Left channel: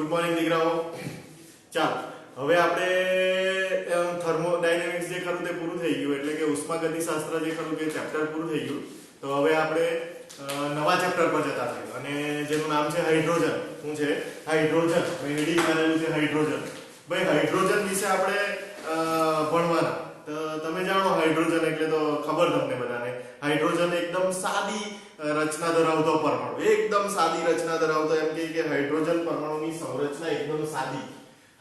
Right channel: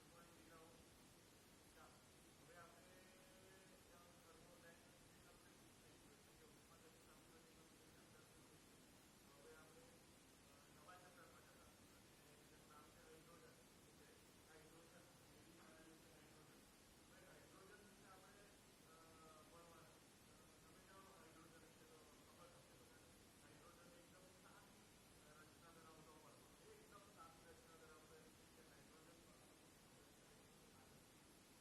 Good morning દીકરાઓ. ચાલો હવે આપણે થર્મોડાયનેમિક્સ જે ખરું તે પૂરું થઈ ગયું, એટલે કે ઉષ્માગતિશાસ્ત્ર જે ખરું તે ચેપ્ટર પૂરું થઈ ગયું. તો હવે આપણે નવા ચેપ્ટર પર જતા થઈએ, અને જેનું નામ છે હાઇડ્રોજન. શું છે? હાઇડ્રોજન. હેડિંગ કરેલું છે હાઇડ્રોજન. ભાઈ હાઇડ્રોજન વિશે આપણે ભણવાના. તો તમે જાણો હાઇડ્રોજન એટલે તો ખબર તમને બધાને. હાઇડ્રોજન એકદમ સાદી રચના ધરાવતો પરમાણુ, એકદમ સાદી રચના ધરાવતો, એમ કે હાઇડ્રોજન પરમાણુની સંરચના એકદમ સાદી.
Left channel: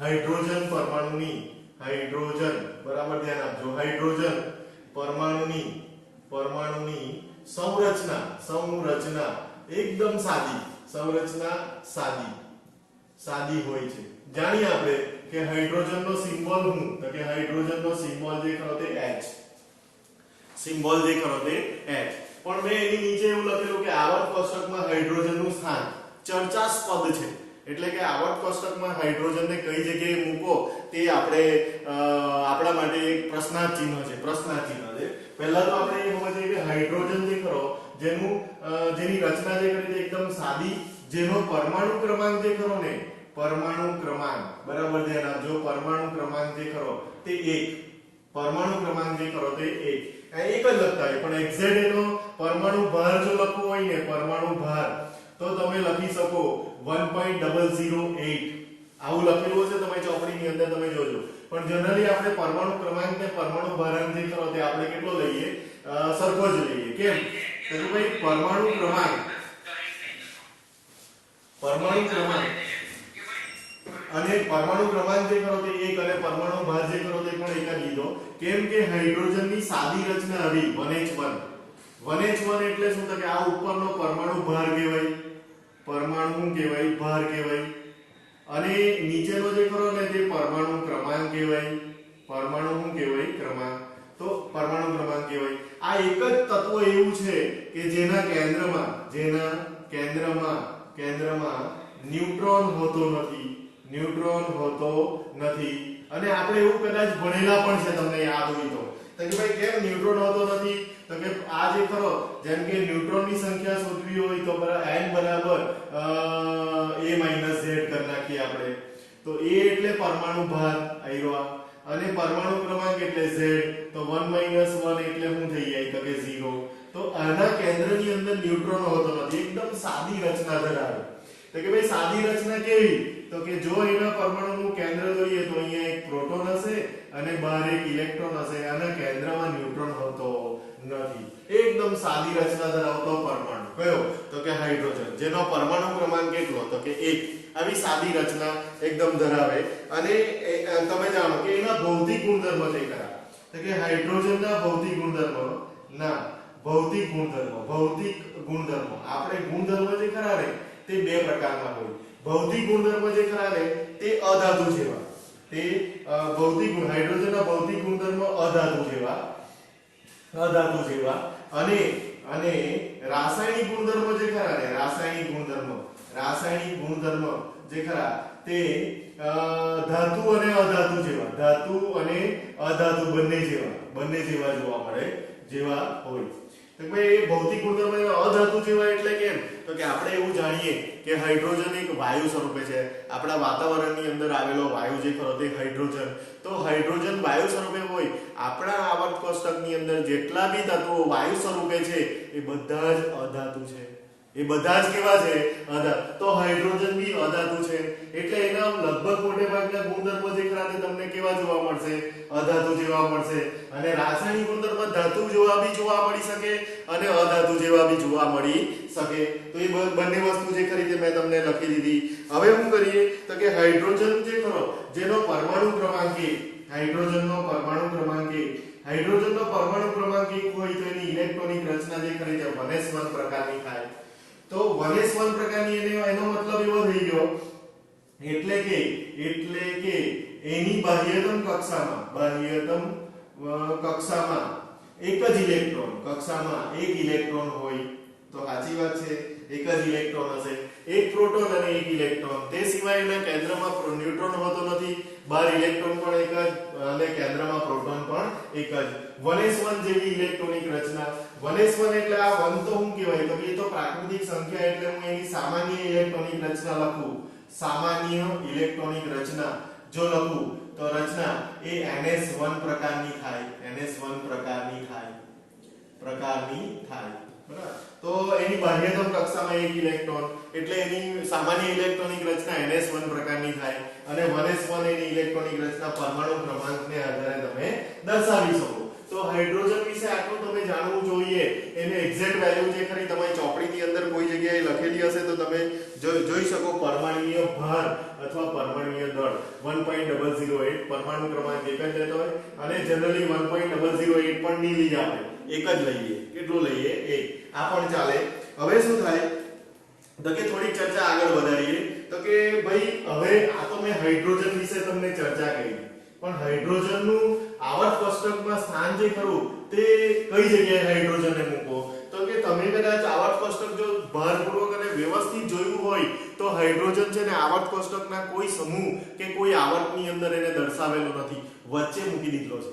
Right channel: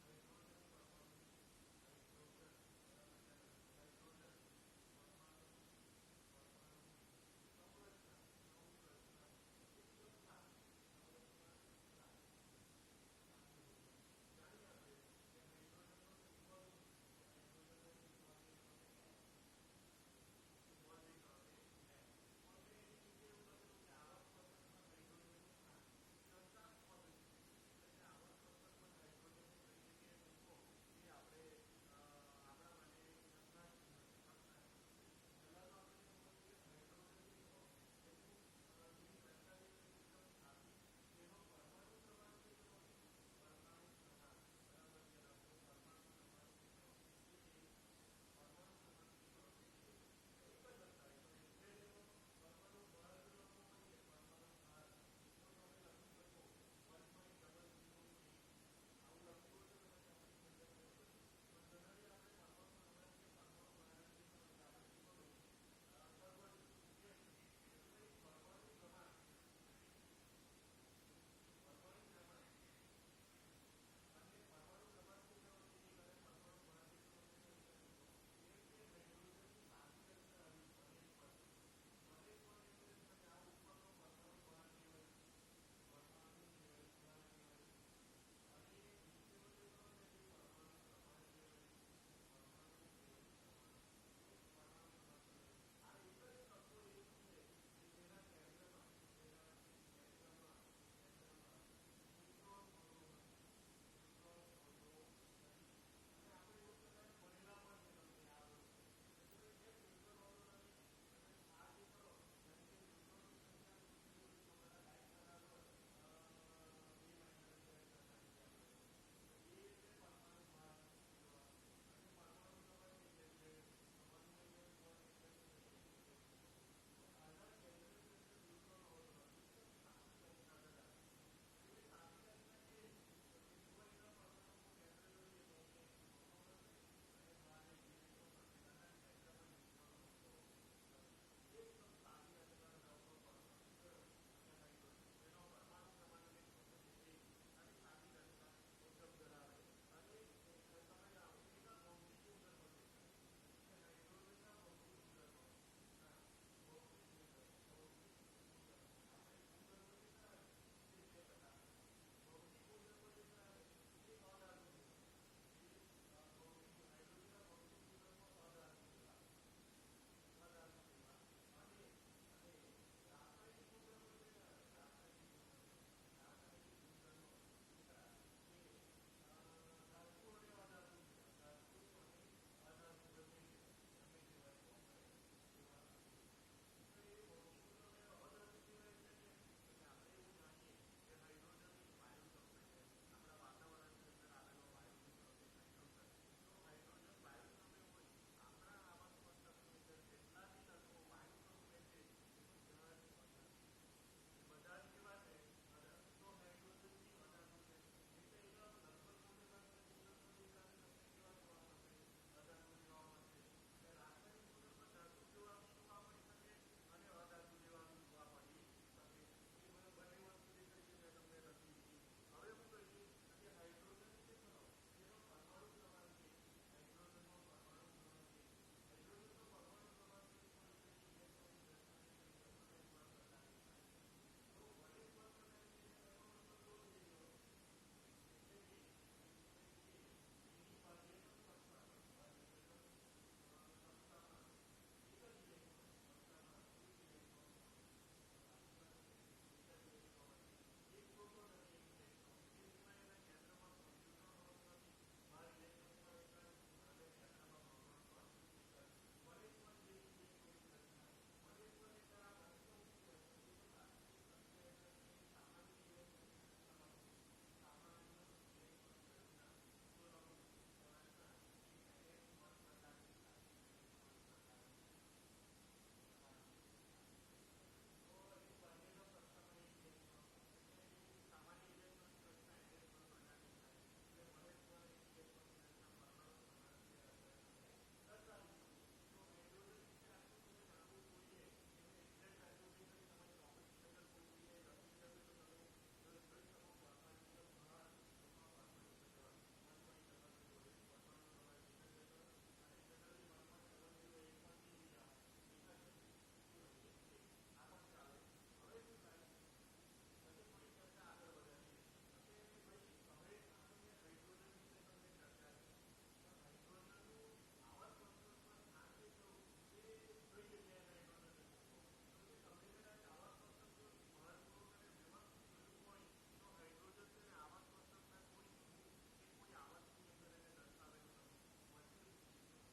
હાઇડ્રોજન પરમાણુની, હાઇડ્રોજન, બરાબર ધ્યાન આપજો, હાઇડ્રોજન પરમાણુની સંરચના એકદમ સાદી, સંરચના સાદી હોય છે. જાણીએ આપણે કે હાઇડ્રોજનનો સિમ્બોલ શું? તો કે હાઇડ્રોજનનો સિમ્બોલ જે ખરો તે H. સિમ્બોલ જે ખરો તે H. પણ મેં એની નીચે એવું લખેલું કે આવર્ત કોષ્ટકમાં હાઇડ્રોજનનું સ્થાન ચર્ચાસ્પદ છે. એટલે કે આવર્ત કોષ્ટકમાં હાઇડ્રોજનને કઈ જગ્યાએ મૂકો તે આપણે આપણા માટે એક પ્રશ્નાર્થ ચિહ્ન છે. પહેલા તો આપણે એ સમજીએ કે હાઇડ્રોજન જે ખરો જેની રચના જે કરી તે એકદમ સાદી, જેનો પરમાણુ ક્રમાંક જે ખરો ને, પરમાણુ ક્રમાંક, બરાબર ધ્યાન આપજો, પરમાણુ ક્રમાંક જે ખરો તે 1. પરમાણુ ક્રમાંક જે ખરો તે 1. એક જ લખતા હોય, પણ એક્ઝેક્ટ એનો પરમાણુ ભાર જો લખવો હોય ને, પરમાણુ ભાર, તો તમે લખી શકો 1.008. આવું લખેલું હશે તમારી ચોપડીની અંદર, તમે જોજો. પણ જનરલી આપણે પરમાણુ ક્રમાંક ને પરમાણુ ભારાંક જે ખરો તે આપણે કેટલો લઈએ? સરખો જ લઈએ. કેમ? તો ભાઈ પરમાણુ ક્રમાંક અને પરમાણુ ક્રમાંક જે ખરો તે 1 અને પરમાણુ ભાર જે ખરો તે પણ 1 જ લીધો. કેમ કે હાઇડ્રોજનની સાદી રચના આવી 1H1. 1H1 એટલે શું? તો કે આ ઉપરનો પરમાણુ ભાર કહેવાય, પરમાણુ કહેવાય, ભાર કહેવાય, અને નીચેનો જે ખરો ને તે પરમાણુ ક્રમાંક કહેવાય. પરમાણુ શું કહેવાય? ક્રમાંક. તો પરમાણુ ક્રમાંક કહેવાય. આ એક જ તત્વ એવું છે કે જેના કેન્દ્રમાં ન્યુટ્રોન હોતો નથી. અને આપણે એવું કદાચ ભણેલા પણ છે, તમને યાદ હોય તો કે ભાઈ કેમ ન્યુટ્રોન હોતો નથી? તો કે આ જે ખરો, જેમ કે ન્યુટ્રોનની સંખ્યા શોધવી હોય તો n બરાબર a - z કરી નાખીએ આપણે. તો a એટલે પરમાણુ ભાર આવ્યો, અને પરમાણુ ક્રમાંક એટલે z. તો 1 - 1 એટલે શું થઈ જાય? તો કે 0. તો આના કેન્દ્રની અંદર ન્યુટ્રોન હોતો નથી, એકદમ સાદી રચના ધરાવે. તો કે ભાઈ સાદી રચના કેવી? તો કે જો એના પરમાણુનું કેન્દ્ર જોઈએ તો અહીંયા એક પ્રોટોન હશે અને બહાર એક ઇલેક્ટ્રોન હશે. આના કેન્દ્રમાં ન્યુટ્રોન હોતો નથી. એકદમ સાદી રચના ધરાવતો પરમાણુ કયો? તો કે હાઇડ્રોજન, જેનો પરમાણુ ક્રમાંક કેટલો? તો કે 1. આવી સાદી રચના એકદમ ધરાવે. અને તમે જાણો કે એના ભૌતિક ગુણધર્મ છે ખરા? તો કે હાઇડ્રોજનના ભૌતિક ગુણધર્મો આપણે ગુણધર્મ જે ખરા ને તે બે પ્રકારના હોય. ભૌતિક ગુણધર્મ જે ખરા ને તે અધાતુ જેવા, તે હાઇડ્રોજનના ભૌતિક ગુણધર્મ અધાતુ જેવા, અને રાસાયણિક ગુણધર્મ જે ખરા ને, રાસાયણિક ગુણધર્મ જે ખરા તે ધાતુ અને અધાતુ બંને જેવા જોવા મળે, જેવા હોય. તો ભાઈ ભૌતિક ગુણધર્મ અધાતુ જેવા એટલે કેમ? તો કે આપણે એવું જાણીએ કે હાઇડ્રોજન એક વાયુ સ્વરૂપે છે. આપણા વાતાવરણની અંદર આવેલો વાયુ જે ખરો તે હાઇડ્રોજન. તો હાઇડ્રોજન વાયુ સ્વરૂપે હોય. આપણા આવર્ત કોષ્ટકની અંદર જેટલા બી તત્વો વાયુ સ્વરૂપે છે એ બધા જ અધાતુ છે. એ બધા જ કેવા છે? અધાતુ. તો હાઇડ્રોજન બી અધાતુ છે, એટલે એના લગભગ મોટે ભાગના ગુણધર્મો જે ખરા તે તમને કેવા જોવા મળશે? અધાતુ જેવા મળશે. અને રાસાયણિક ગુણધર્મ ધાતુ જેવા બી જોવા મળી શકે અને અધાતુ જેવા બી જોવા મળી શકે. તો એ બંને વસ્તુ જે ખરી તે મેં તમને લખી દીધી. હવે શું કરીએ? તો કે હાઇડ્રોજન જે ખરો જેનો પરમાણુ ક્રમાંક 1, હાઇડ્રોજનનો પરમાણુ ક્રમાંક 1 હોય તો એની ઇલેક્ટ્રોનિક રચના જે ખરી તે 1s1 પ્રકારની થાય. તો 1s1 પ્રકારની એનો મતલબ એવો થઈ ગયો એટલે કે એની બાહ્યતમ કક્ષામાં એક જ ઇલેક્ટ્રોન, એક ઇલેક્ટ્રોન હોય. તો સાચી વાત છે, એક જ ઇલેક્ટ્રોન હશે, એક પ્રોટોન અને એક ઇલેક્ટ્રોન. તે સિવાય એના કેન્દ્રમાં ન્યુટ્રોન હોતો નથી, બહાર ઇલેક્ટ્રોન પણ એક જ અને કેન્દ્રમાં પ્રોટોન પણ એક જ. 1s1 જેવી ઇલેક્ટ્રોનિક રચના. 1s1 એટલે આ 1 તો શું કહેવાય? તો એ તો પ્રાકૃતિક સંખ્યા, એટલે હું એની સામાન્ય ઇલેક્ટ્રોનિક રચના લખું સામાન્ય ઇલેક્ટ્રોનિક રચના જો લખું તો રચના એ NS1 પ્રકારની થાય, NS1 પ્રકારની થાય બરાબર। તો એની બાહ્યતમ કક્ષામાં એક ઇલેક્ટ્રોન એટલે એની સામાન્ય ઇલેક્ટ્રોનિક રચના NS1 પ્રકારની થાય અને 1s1 એની ઇલેક્ટ્રોનિક રચના પરમાણુ ક્રમાંકને આધારે તમે દર્શાવી શકો। તો હાઇડ્રોજન વિશે આટલું તમે જાણવું જોઈએ। એને એક્ઝેક્ટ વેલ્યુ જે ખરી તમારી ચોપડીની અંદર કોઈ જગ્યાએ લખેલી હશે તો તમે જોઈ શકો। પરમાણુય ભાર અથવા પરમાણુય દળ 1.008 પરમાણુ ક્રમાંક એક જ લેતો હોય અને જનરલી 1.008 પણ નહીં લઈ આપણે એક જ લઈએ। કેટલું લઈએ? એક। આ પણ ચાલે। હવે શું થાય તો કે થોડી ચર્ચા આગળ વધારીએ તો કે ભાઈ હવે આ તો મેં હાઇડ્રોજન વિશે તમને ચર્ચા કરી પણ હાઇડ્રોજનનું આવર્ત કોષ્ટકમાં સ્થાન જે ખરું તે કઈ જગ્યાએ હાઇડ્રોજનને મૂકો તો કે તમે કદાચ આવર્ત કોષ્ટક જો ભારપૂર્વક અને વ્યવસ્થિત જોયું હોય તો હાઇડ્રોજન છે ને આવર્ત કોષ્ટકના કોઈ સમૂહ કે કોઈ આવર્તની અંદર એને દર્શાવેલો નથી, વચ્ચે મૂકી દીધો છે।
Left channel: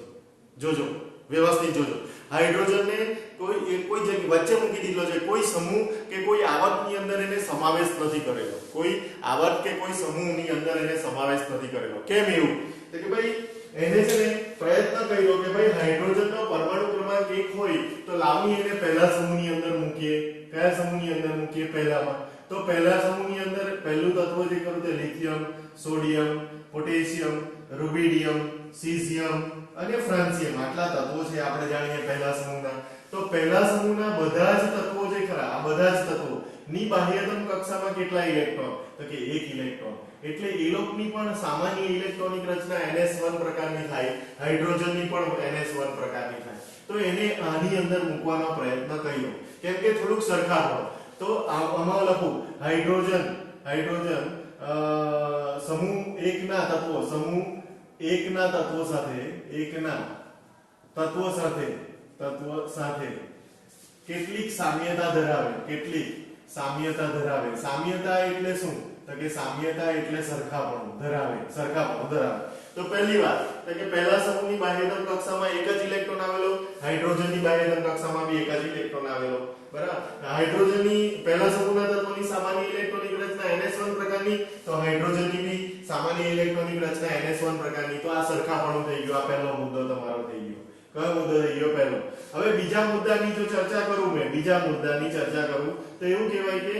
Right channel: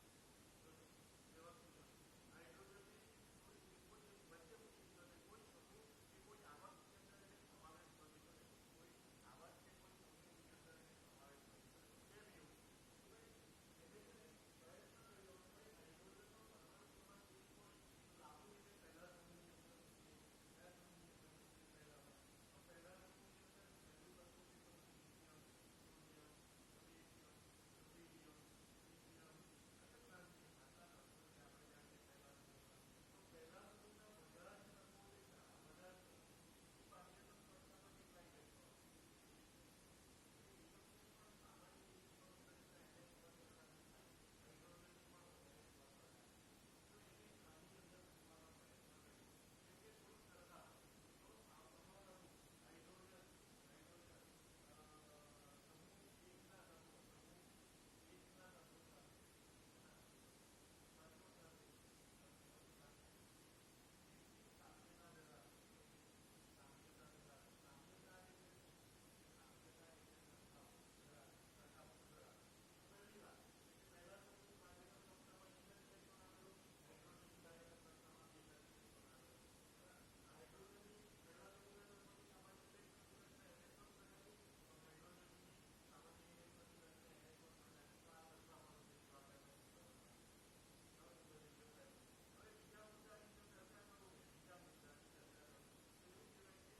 જોજો વ્યવસ્થિત જોજો, હાઇડ્રોજનને કોઈ જગ્યાએ વચ્ચે મૂકી દીધો છે, કોઈ સમૂહ કે કોઈ આવર્તની અંદર એને સમાવેશ નથી કરેલો, કોઈ આવર્ત કે કોઈ સમૂહની અંદર એને સમાવેશ નથી કરેલો। કેમ એવું? તો કે ભાઈ એને છે ને પ્રયત્ન કર્યો કે ભાઈ હાઇડ્રોજનનો પરમાણુ ક્રમાંક 1 હોય તો લાવની એને પહેલા સમૂહની અંદર મૂકીએ। કયા સમૂહની અંદર મૂકીએ? પહેલામાં। તો પહેલા સમૂહની અંદર પહેલું તત્વ જે ખરું તે lithium, sodium, potassium, rubidium, caesium અને ફ્રાન્સિયમ આટલા તત્વો છે આપણે જાણીએ પહેલા સમૂહના। તો પહેલા સમૂહના બધા જ તત્વો જે ખરા આ બધા જ તત્વો ની બાહ્યતમ કક્ષામાં કેટલા ઇલેક્ટ્રોન? તો કે 1 ઇલેક્ટ્રોન। એટલે એ લોકની પણ સામાન્ય ઇલેક્ટ્રોનિક રચના NS1 પ્રકારની થાય, હાઇડ્રોજનની પણ NS1 પ્રકારની થાય। તો એને આની અંદર મૂકવાનો પ્રયત્ન કર્યો કેમ કે થોડુંક સરખાવો। તો આમાં લખું હાઇડ્રોજન સમૂહ 1 ના તત્વો સાથે કેટલીક સામ્યતા ધરાવે। સામ્યતા એટલે શું? તો કે સામ્યતા એટલે સરખાપણું ધરાવે। તો પહેલી વાત તો કે પહેલા સમૂહની બાહ્યતમ કક્ષામાં એક જ ઇલેક્ટ્રોન આવેલો, હાઇડ્રોજનની બાહ્યતમ કક્ષામાં બી એક જ ઇલેક્ટ્રોન આવેલો બરાબર। હાઇડ્રોજનની પહેલા સમૂહના તત્વોની સામાન્ય ઇલેક્ટ્રોનિક રચના NS1 પ્રકારની, તો હાઇડ્રોજનની બી સામાન્ય ઇલેક્ટ્રોનિક રચના NS1 પ્રકારની। તો આ સરખાપણું થઈ ગયું। આ પહેલો મુદ્દો તમારો થઈ ગયો। કયો મુદ્દો થઈ ગયો? પહેલો। હવે બીજા મુદ્દાની જો ચર્ચા કરું તો એવું કહેવાય કે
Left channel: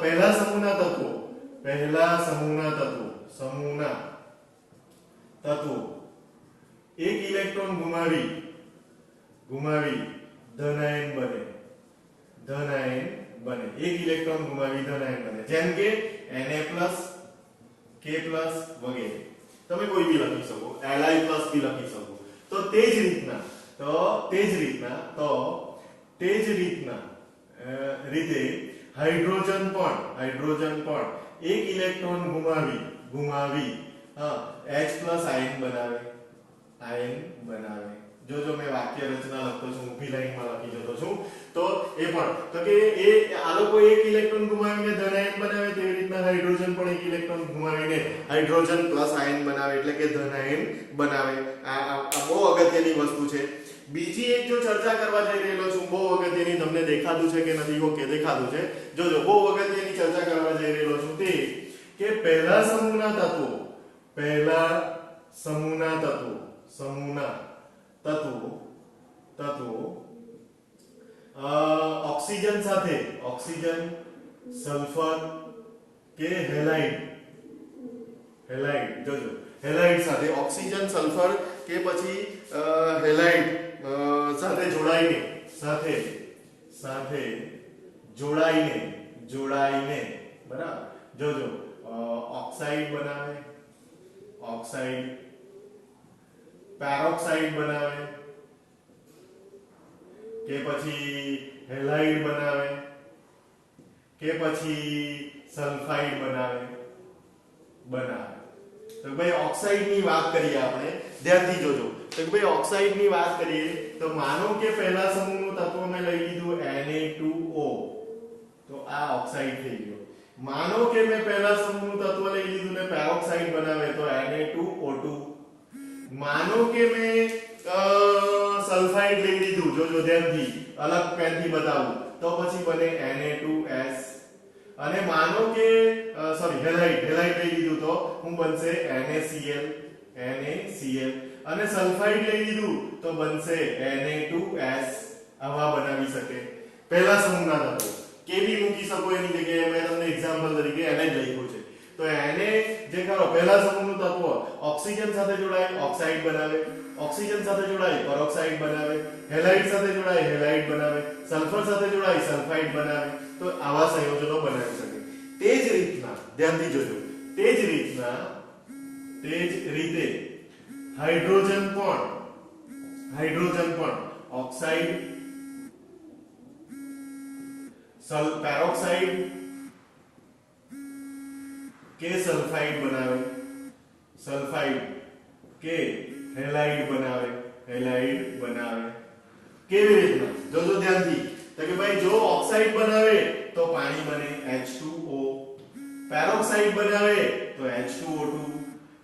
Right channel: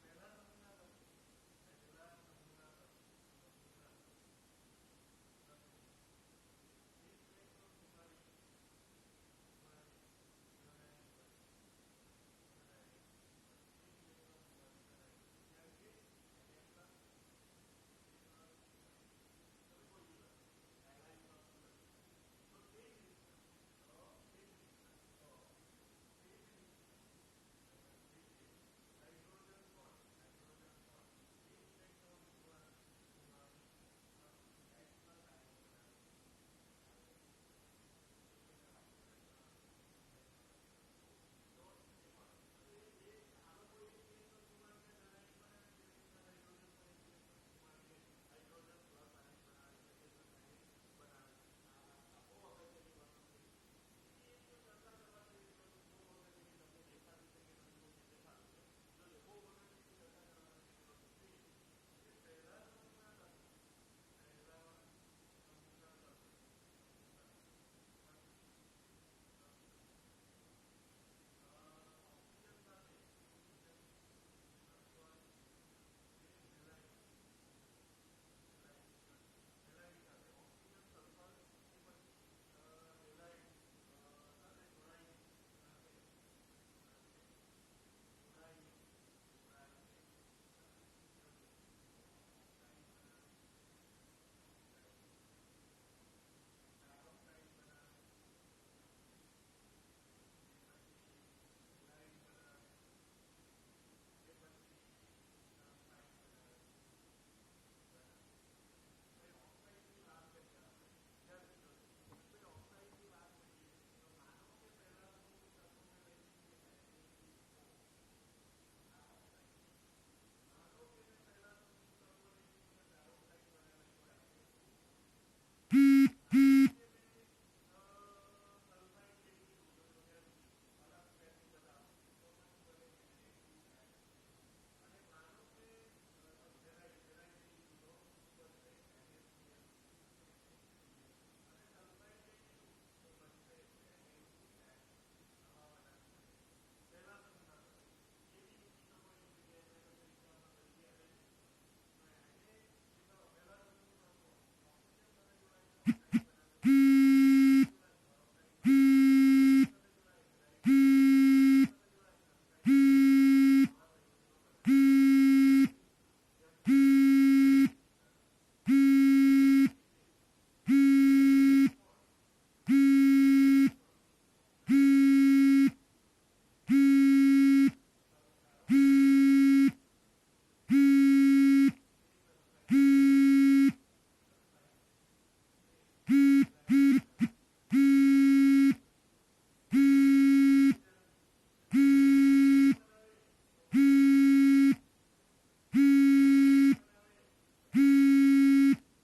પહેલા સમૂહના તત્વો એક ઇલેક્ટ્રોન ગુમાવી ધનાયન બને। એક ઇલેક્ટ્રોન ગુમાવી ધનાયન બને, જેમ કે Na+, K+ વગેરે તમે કોઈ બી લખી શકો, Li+ બી લખી શકો। તો તે જ રીતના હાઇડ્રોજન પણ એક ઇલેક્ટ્રોન ગુમાવી H+ આયન બનાવે। જો મેં વાક્ય રચના લખતો છું, ઊભી લાઈનમાં લખી જતો છું તો એ પણ તો કે એ આ લોકો એક ઇલેક્ટ્રોન ગુમાવીને ધનાયન બનાવે તેવી રીતના હાઇડ્રોજન પણ એક ઇલેક્ટ્રોન ગુમાવીને હાઇડ્રોજન પ્લસ આયન બનાવે એટલે કે ધનાયન બનાવે। આ બહુ અગત્યની વસ્તુ છે। બીજી એક જો ચર્ચા કરવા જઈ રહેલો છું, બહુ અગત્યની, તમને દેખાતું છે કે નથી? ઓકે દેખાતું છે। જોજો બહુ અગત્યની ચર્ચા કરવા જઈ રહેલો છું તે કે પહેલા સમૂહના તત્વો ઓક્સિજન, સલ્ફર કે હેલાઇડ જોજો હેલાઇડ સાથે ઓક્સિજન, સલ્ફર કે પછી હેલાઇડ સાથે જોડાઈને બરાબર જોજો ઓક્સાઇડ બનાવે, પેરોક્સાઇડ બનાવે કે પછી હેલાઇડ બનાવે કે પછી સલ્ફાઇડ બનાવે। તો ભાઈ ઓક્સાઇડની વાત કરીએ આપણે, ધ્યાનથી જોજો। તો ભાઈ ઓક્સાઇડની વાત કરીએ તો માનો કે પહેલા સમૂહનું તત્વ મેં લઈ લીધું Na2O, તો આ ઓક્સાઇડ થઈ ગયો। માનો કે મેં પહેલા સમૂહનું તત્વ લઈ લીધું ને પેરોક્સાઇડ બનાવે તો Na2O2। માનો કે મેં સલ્ફાઇડ લઈ લીધું, જોજો ધ્યાનથી, અલગ પેનથી બતાવું, તો પછી બને Na2S। અને માનો કે સોરી હેલાઇડ લઈ લીધું તો હું બનશે NaCl અને સલ્ફાઇડ લઈ લીધું તો બનશે Na2S આવા બનાવી શકે પહેલા સમૂહના તત્વો કે બી મૂકી શકો એની જગ્યાએ મેં તમને એક્ઝામ્પલ તરીકે એને જ લખ્યું છે તો એને જે કરો પહેલા સમૂહનું તત્વ ઓક્સિજન સાથે જોડાય ઓક્સાઇડ બનાવે ઓક્સિજન સાથે જોડાય પેરોક્સાઇડ બનાવે હેલાઇડ સાથે જોડાય હેલાઇડ બનાવે સલ્ફર સાથે જોડાય સલ્ફાઇડ બનાવે તો આવા સંયોજનો બનાવી શકે તે જ રીતના ધ્યાનથી જોજો તે જ રીતે હાઇડ્રોજન પણ ઓક્સાઇડ પેરોક્સાઇડ કે સલ્ફાઇડ બનાવે સલ્ફાઇડ કે હેલાઇડ બનાવે કેવી રીતના જોજો ધ્યાનથી તો કે ભાઈ જો ઓક્સાઇડ બનાવે તો પાણી બને H2O પેરોક્સાઇડ બનાવે તો H2O2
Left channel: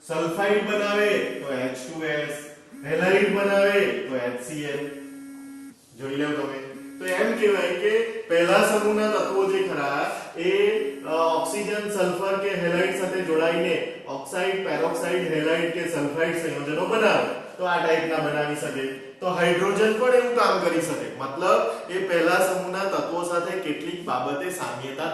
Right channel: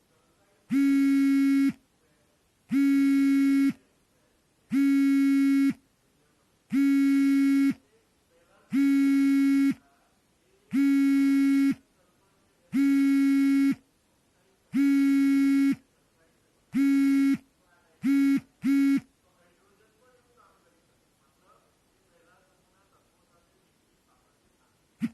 સલ્ફાઇડ બનાવે તો H2S હેલાઇડ બનાવે તો HCl જોઈ લો તમે તો એમ કહેવાય કે પહેલા સમૂહના તત્વો જે ખરા એ ઓક્સિજન સલ્ફર કે હેલાઇડ સાથે જોડાઈને ઓક્સાઇડ પેરોક્સાઇડ હેલાઇડ કે સલ્ફાઇડ સંયોજનો બનાવે તો આ ટાઈપના બનાવી શકે તો હાઇડ્રોજન પણ એવું કામ કરી શકે મતલબ એ પહેલા સમૂહના તત્વો સાથે કેટલીક બાબતે સામ્યતા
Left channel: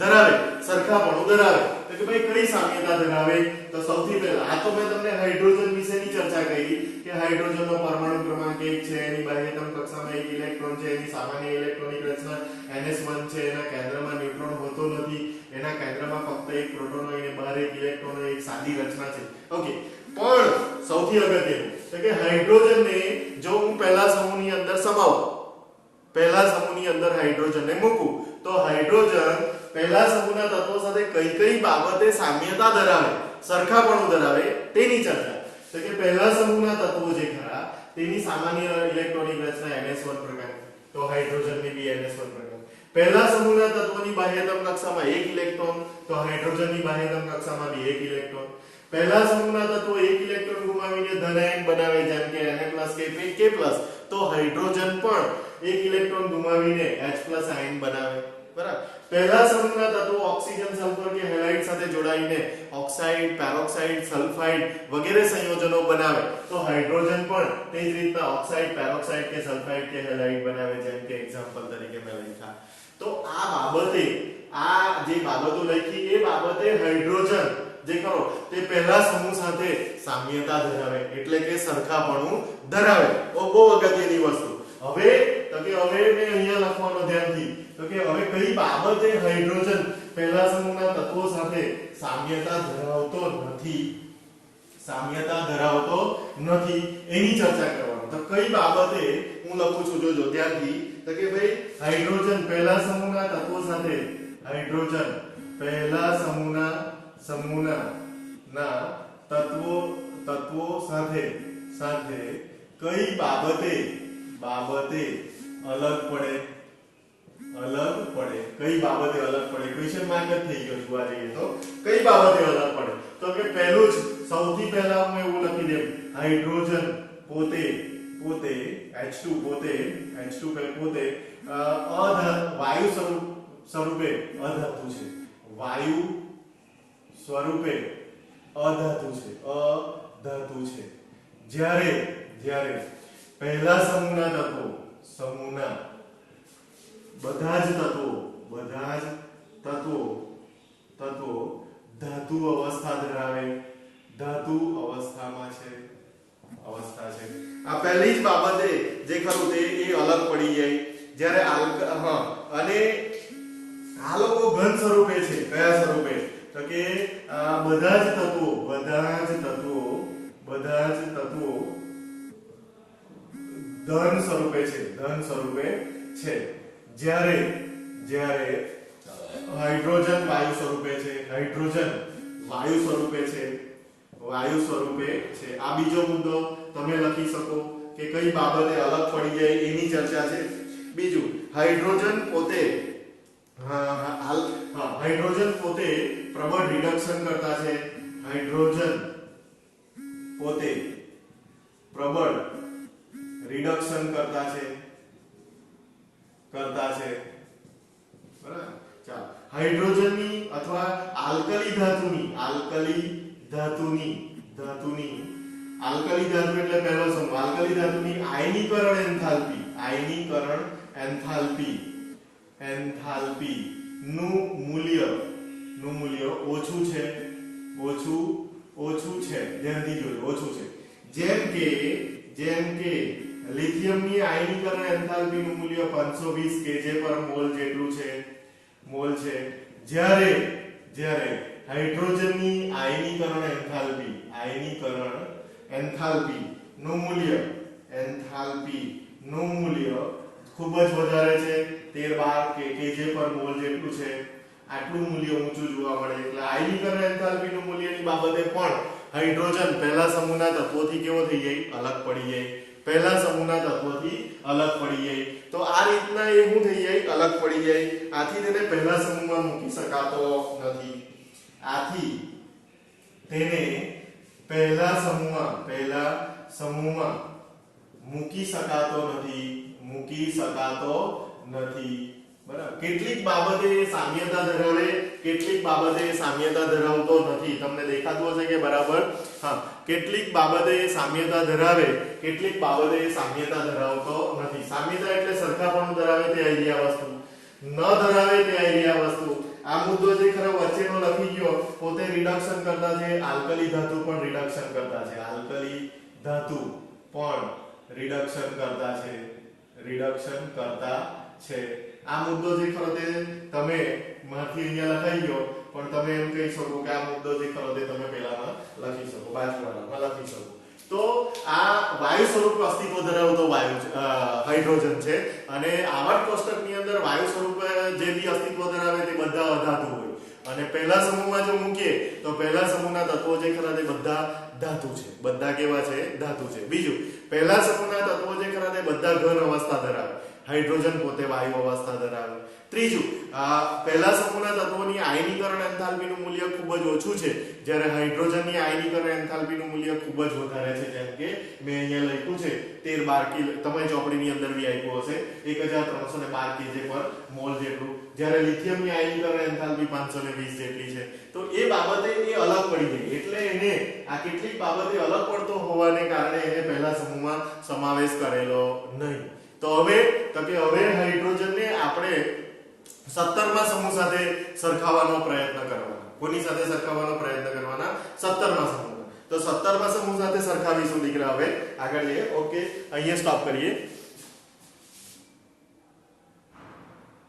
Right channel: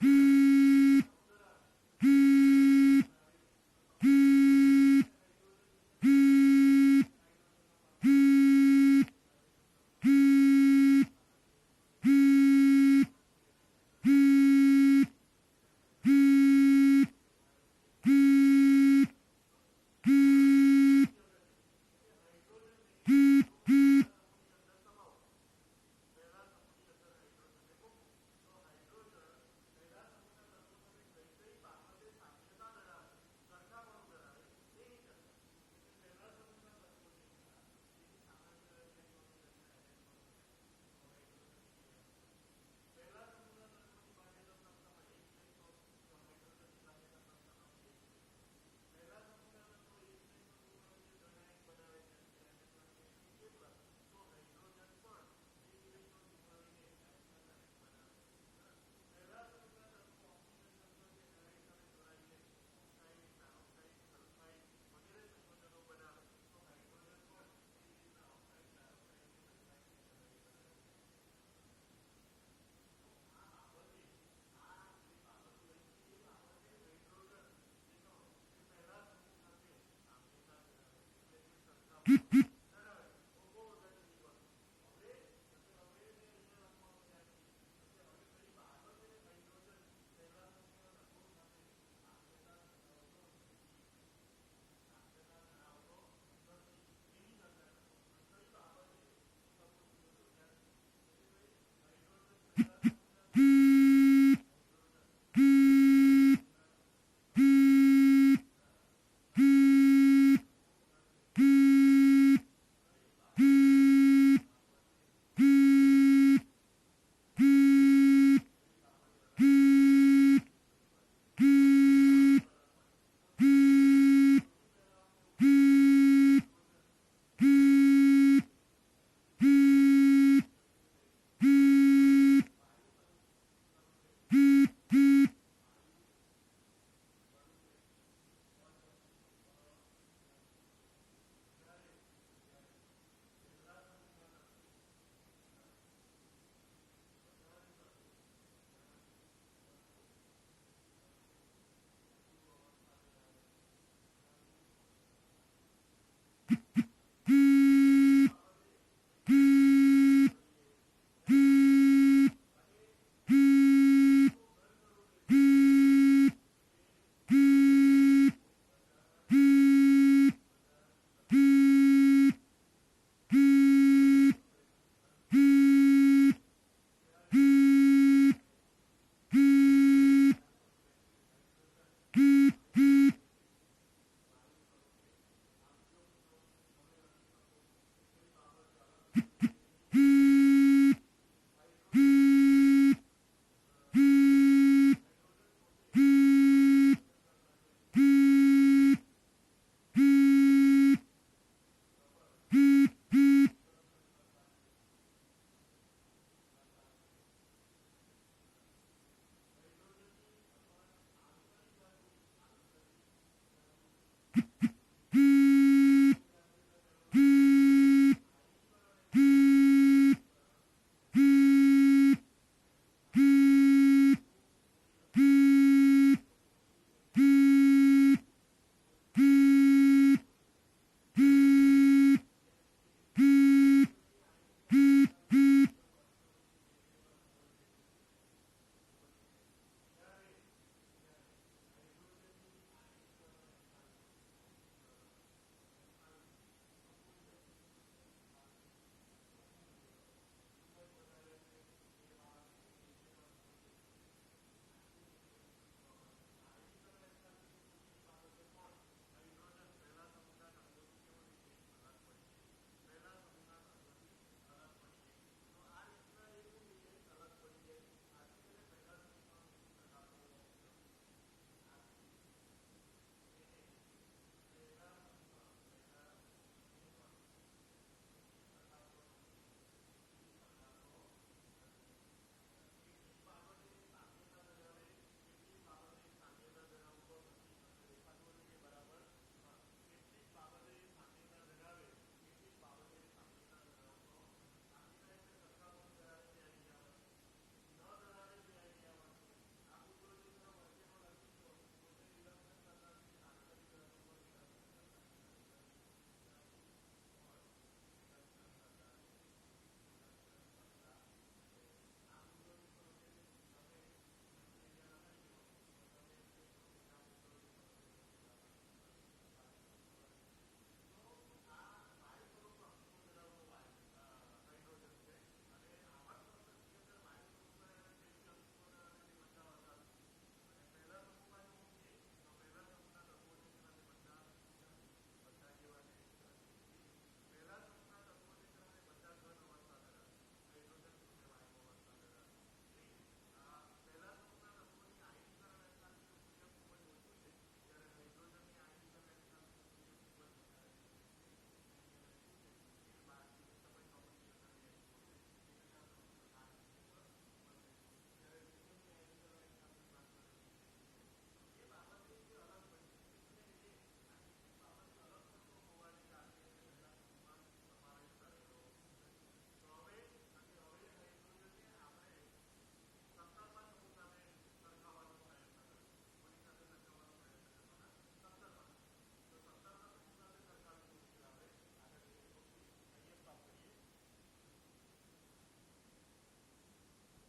ધરાવે સરખાપણું ધરાવે તો કે ભાઈ કઈ સામ્યતા ધરાવે તો સૌથી પહેલા આ તો મેં તમને હાઇડ્રોજન વિશેની ચર્ચા કરી કે હાઇડ્રોજનનો પરમાણુ ક્રમાંક 1 છે એની બાહ્યતમ કક્ષામાં 1 ઇલેક્ટ્રોન છે એની સામાન્ય ઇલેક્ટ્રોનિક રચના NS1 છે એના કેન્દ્રમાં ન્યુટ્રોન હોતો નથી એના કેન્દ્રમાં ફક્ત એક પ્રોટોન હોય અને બહાર એક ઇલેક્ટ્રોન હોય એક સાદી રચના છે ઓકે પણ સૌથી અગત્યનું તો કે હાઇડ્રોજનને જો હું પહેલા સમૂહની અંદર સમાવું પહેલા સમૂહની અંદર હાઇડ્રોજનને મૂકું તો હાઇડ્રોજન પહેલા સમૂહના તત્વો સાથે કઈ બાબતે સામ્યતા ધરાવે સરખાપણું ધરાવે તેની ચર્ચા તો કે પહેલા સમૂહના તત્વો જે ખરા તેની સામાન્ય ઇલેક્ટ્રોનિક રચના NS1 પ્રકાર તો હાઇડ્રોજનની બી NS1 પ્રકાર પહેલા સમૂહના તત્વોની બાહ્યતમ કક્ષામાં 1 ઇલેક્ટ્રોન તો હાઇડ્રોજનની બાહ્યતમ કક્ષામાં બી 1 ઇલેક્ટ્રોન પહેલા સમૂહના તત્વો 1 ઇલેક્ટ્રોન ગુમાવીને ધન આયન બનાવે જેમ કે Na+ K તો હાઇડ્રોજન પણ 1 ઇલેક્ટ્રોન ગુમાવીને H+ આયન બનાવે બરાબર પહેલા સમૂહના તત્વો ઓક્સિજન સલ્ફર કે હેલાઇડ સાથે જોડાઈને ઓક્સાઇડ પેરોક્સાઇડ સલ્ફાઇડ વગેરે સંયોજનો બનાવે તો હાઇડ્રોજન પણ તે જ રીતના ઓક્સાઇડ પેરોક્સાઇડ કે સલ્ફાઇડ કે હેલાઇડ બનાવે જેમ કે એક્ઝામ્પલ તરીકે મેં લખ્યા તો આ બાબતે આ જે બાબતો લખી એ બાબતે હાઇડ્રોજન જે કરો તે પહેલા સમૂહ સાથે સામ્યતા ધરાવે એટલે કે સરખાપણું ધરાવે બહુ અગત્યની વસ્તુ હવે મેં અહીંયા લખવાનો ધ્યાનથી તો કે હવે કઈ બાબતે હાઇડ્રોજન પહેલા સમૂહના તત્વો સાથે સામ્યતા ધરાવતો નથી એની ચર્ચા કરવાની તો કઈ બાબતે હું લખું છું જોજો ધ્યાનથી તો કે ભાઈ હાઇડ્રોજન પહેલા સમૂહના તત્વો સાથે હાઇડ્રોજન પહેલા સમૂહના તત્વો સાથે કઈ બાબતે અલગ પડે કઈ બાબતે અલગ પડે ક્વેશ્ચન માર્ક જ થઈ ગયો જોવા જઈએ તો કઈ બાબતે અલગ પડે તો કે પહેલું જ સૌથી પહેલા હું એવું લખી દઉં હાઇડ્રોજન પોતે H2 પોતે વાયુ સ્વરૂપે અધાતુ છે જ્યારે પહેલા સમૂહના બધા જ તત્વો ધાતુ અવસ્થામાં છે આ પહેલી જ બાબતે જે ખરું તે એ અલગ પડી જાય જ્યારે અને આ લોકો ઘન સ્વરૂપે છે કયા સ્વરૂપે તો કે બધા જ તત્વો ધન સ્વરૂપે છે જ્યારે હાઇડ્રોજન વાયુ સ્વરૂપે છે આ બીજો મુદ્દો તમે લખી શકો કે કઈ બાબતે અલગ પડી જાય એની ચર્ચા છે બીજું હાઇડ્રોજન પોતે પ્રબળ રિડક્શન કરતા છે બરાબર ચાલો હાઇડ્રોજનની અથવા આલ્કલી ધાતુની આલ્કલી ધાતુ એટલે પહેલો સમૂહ આલ્કલી ધાતુની આયનીકરણ એન્થાલ્પી નું મૂલ્ય ઓછું છે ધ્યાનથી જોજો ઓછું છે જેમ કે લિથિયમની આયનીકરણ એન્થાલ્પી નું મૂલ્ય 520 kJ પર મોલ છે જ્યારે હાઇડ્રોજનની આયનીકરણ એન્થાલ્પી નું મૂલ્ય ખૂબ જ વધારે છે 13-12 kJ પર મોલ જેટલું છે આટલું મૂલ્ય ઊંચું જોવા મળે એટલે આયનીકરણ એન્થાલ્પી નું મૂલ્યની બાબતે પણ હાઇડ્રોજન પહેલા સમૂહના તત્વોથી કેવો થઈ જાય અલગ પડી જાય તો આ રીતના એ શું થઈ જાય અલગ પડી જાય આથી તેને પહેલા સમૂહમાં મૂકી શકાતો નથી મૂકી શકાતો નથી બરાબર કેટલીક બાબતે સામ્યતા ધરાવે કેટલીક બાબતે સામ્યતા ધરાવતો નથી તમને દેખાતું હશે કે બરાબર હા કેટલીક બાબતે સામ્યતા ધરાવે કેટલીક બાબતે સામ્યતા ધરાવતો નથી સામ્યતા એટલે સરખાપણું ધરાવે તે આઈડિયા વસ્તુ ન ધરાવે તે આઈડિયા વસ્તુ આ મુદ્દો જે ખરો વચ્ચેનો લખી ગયો પોતે રિડક્શન કરતા છે આલ્કલી ધાતુ પણ રિડક્શન કરતા છે આ મુદ્દો જે ખરો તે તમે માંથી અહીંયા લખાઈ ગયો પણ તમે એમ કહી શકો કે આ મુદ્દો જે ખરો તે તમે પહેલામાં લખી શકો બાજુવાળામાં લખી શકો તો આ વાયુ સ્વરૂપ અસ્તિત્વ ધરાવતો હાઇડ્રોજન છે અને આવર્ત કોષ્ટકની અંદર વાયુ સ્વરૂપ જે બી અસ્તિત્વ ધરાવે તે બધા અધાતુ હોય અને પહેલા સમૂહમાં જો મૂકીએ તો પહેલા સમૂહના તત્વો જે ખરા તે બધા ધાતુ છે બધા કેવા છે ધાતુ છે બીજું પહેલા સમૂહના તત્વો જે ખરા તે બધા ઘન અવસ્થા ધરાવે હાઇડ્રોજન પોતે વાયુ અવસ્થા ધરાવે ત્રીજું પહેલા સમૂહના તત્વોની આયનીકરણ એન્થાલ્પીનું મૂલ્ય ખૂબ જ ઓછું છે જ્યારે હાઇડ્રોજનની આયનીકરણ એન્થાલ્પીનું મૂલ્ય ખૂબ જ વધારે છે જેમ કે મેં અહીંયા લખ્યું છે 13-12 કિલો તમે ચોપડીની અંદર બી આપ્યું હશે 1312 kJ પર મોલ જેટલું જ્યારે લિથિયમની આયનીકરણ એન્થાલ્પી 520 જેટલી છે તો એ બાબતે એ અલગ પડી ગઈ એટલે એને આ કેટલીક બાબતે અલગ પડતો હોવાને કારણે એને પહેલા સમૂહમાં સમાવેશ કરેલો નહીં તો હવે હાઇડ્રોજનને આપણે 17મા સમૂહ સાથે સરખાવવાનો પ્રયત્ન કરવાનો કોની સાથે સરખાવવાનો પ્રયત્ન કરવાના 17મા સમૂહ તો 17મા સમૂહ સાથે સરખાવીશું દીકરા હવે આગળ જઈએ ઓકે અહીંયા સ્ટોપ કરીએ